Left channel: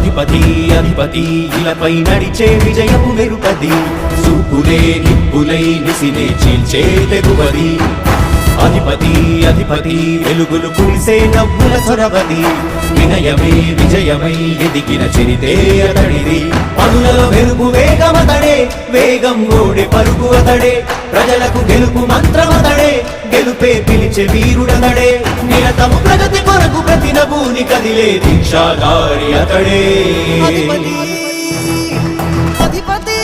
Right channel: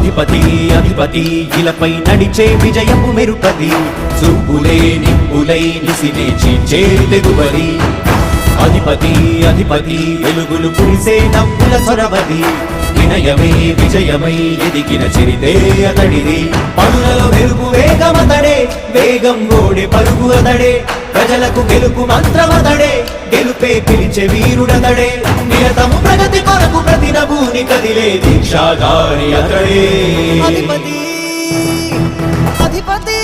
అధిపతి అధిపతి ఇలపై నడిచే విజయము మెరుపది చూపులే నిప్పులై నిసినే చీల్చే తెగువది అధిపతి అధిపతి వెలుగులు పులిసే నవ్వుల చొరవది వినయమై విజయమై ఎదిగిన చిరితే అతడిది పనులలో వెలుగు వేగమతడే వేగం గోడే పరుగు అతడే ప్రజలకు గెలుపు మంత్రమతడే గెలుపే పిలిచే వీరుడతడే నిరతము ప్రగతి కొరకు ప్రతి నభూని కదిలే దీక్షాగారి అతడే అధిపతి అధిపతి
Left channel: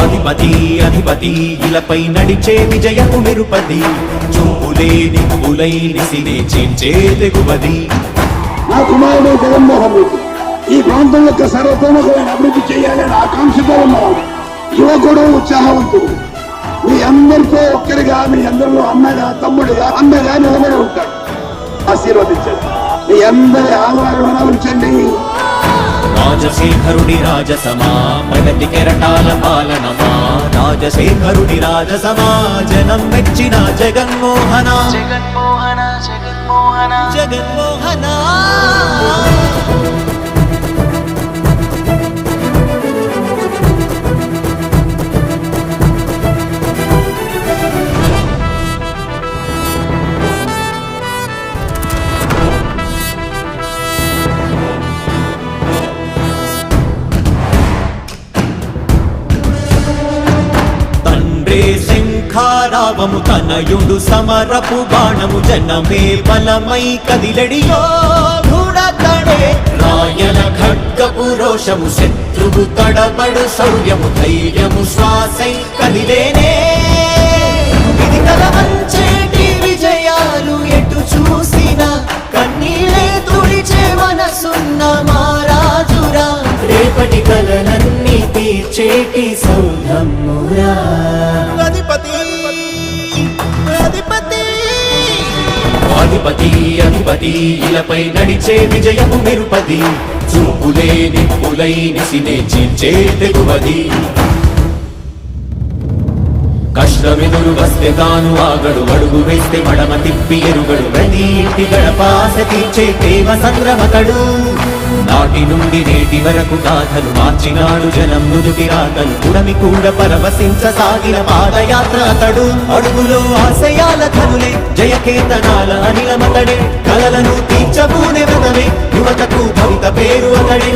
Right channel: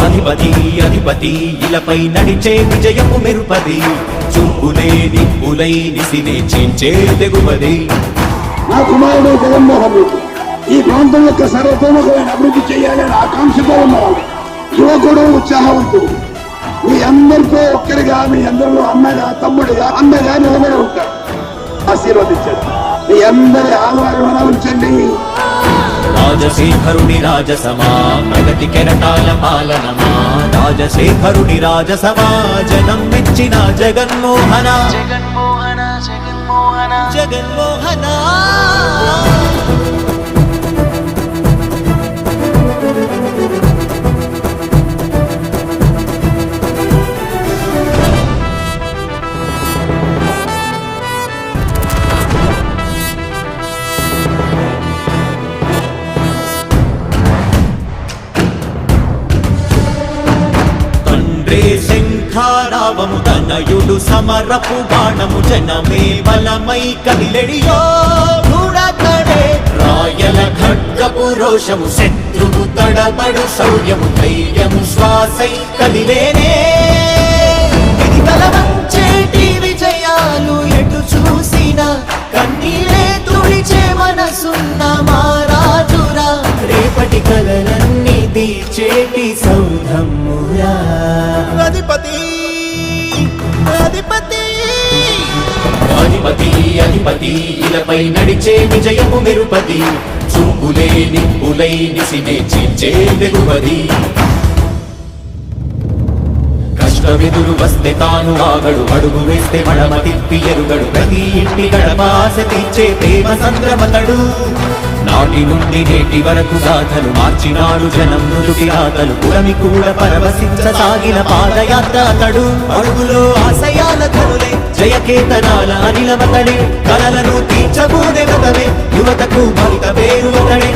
అధిపతి అధిపతి ఇలపై నడిచే విజయము మెరుపది చూపులే నిప్పులై నిసినే చీల్చే తెగువది నా కుమారుడు జగన్మోహన్ రెడ్డి ఈ ప్రాంతం యొక్క సర్వతోముఖమైన అభివృద్ధి చేయాలని ఆకాంక్షతో ఉన్నవాడు యువకుడు ఉత్సాహవంతుడు మీ అందరితో ఒక్కరిగా మీ అందరిలో అన్నగా తమ్ముడిగా అన్నగా నిలబడి ఉంటాడు ఆశీర్వదించండి మీ అందరి ఆహ్వానం ఉంచండి రాజశేఖరుడి రాజసమా ప్రగతి కెరటాల పాలనమా రాజశేఖరుడి రాజసమా జనం మెచ్చిన జగన్మోహన జగన్మోహన జగన్మోహన జగన్మోహన శంఖారావము తనయుడు సమరపు బాణము జనమే బలమై కదిలెడియో గూఢతడే రాయల ఖడ్గపు రోషము శత్రువు తడబడు శౌర్యము ధైర్యము శ్వాసై కదిలేనే ఇది కలవంచేటి విజయాలు ఎటు చూసిన కన్నీలే తుడిచే మనసున్న మారాజురా రేపటి కలలన్నీ తీర్చేటి సౌధమురా అధిపతి అధిపతి అధిపతి అధిపతి ఇలపై నడిచే విజయము మెరుపది చూపులే నిప్పులై నిసినే చీల్చే తెగువది కష్టమెదురు వస్తే తాను ఆగడు అడుగు వేస్తే మడమ తిప్పి ఎరుగడు ప్రతి ఇంటి గడపాస తీర్చే ప్రేమ సంద్రపతడు నాటి నుండి నేటి వరకు సాధలు మార్చినాడు జనం నుదుటి రాగలు పురమి కూడా పరవశించసాగిన పాదయాత్ర అతడు అడుగులో ఆశయాల కనులే జయకేతనాల అనిలమతడే కలలను తీర్చబూనే వ్రతమే యువతకు భవిత పేరు అతడే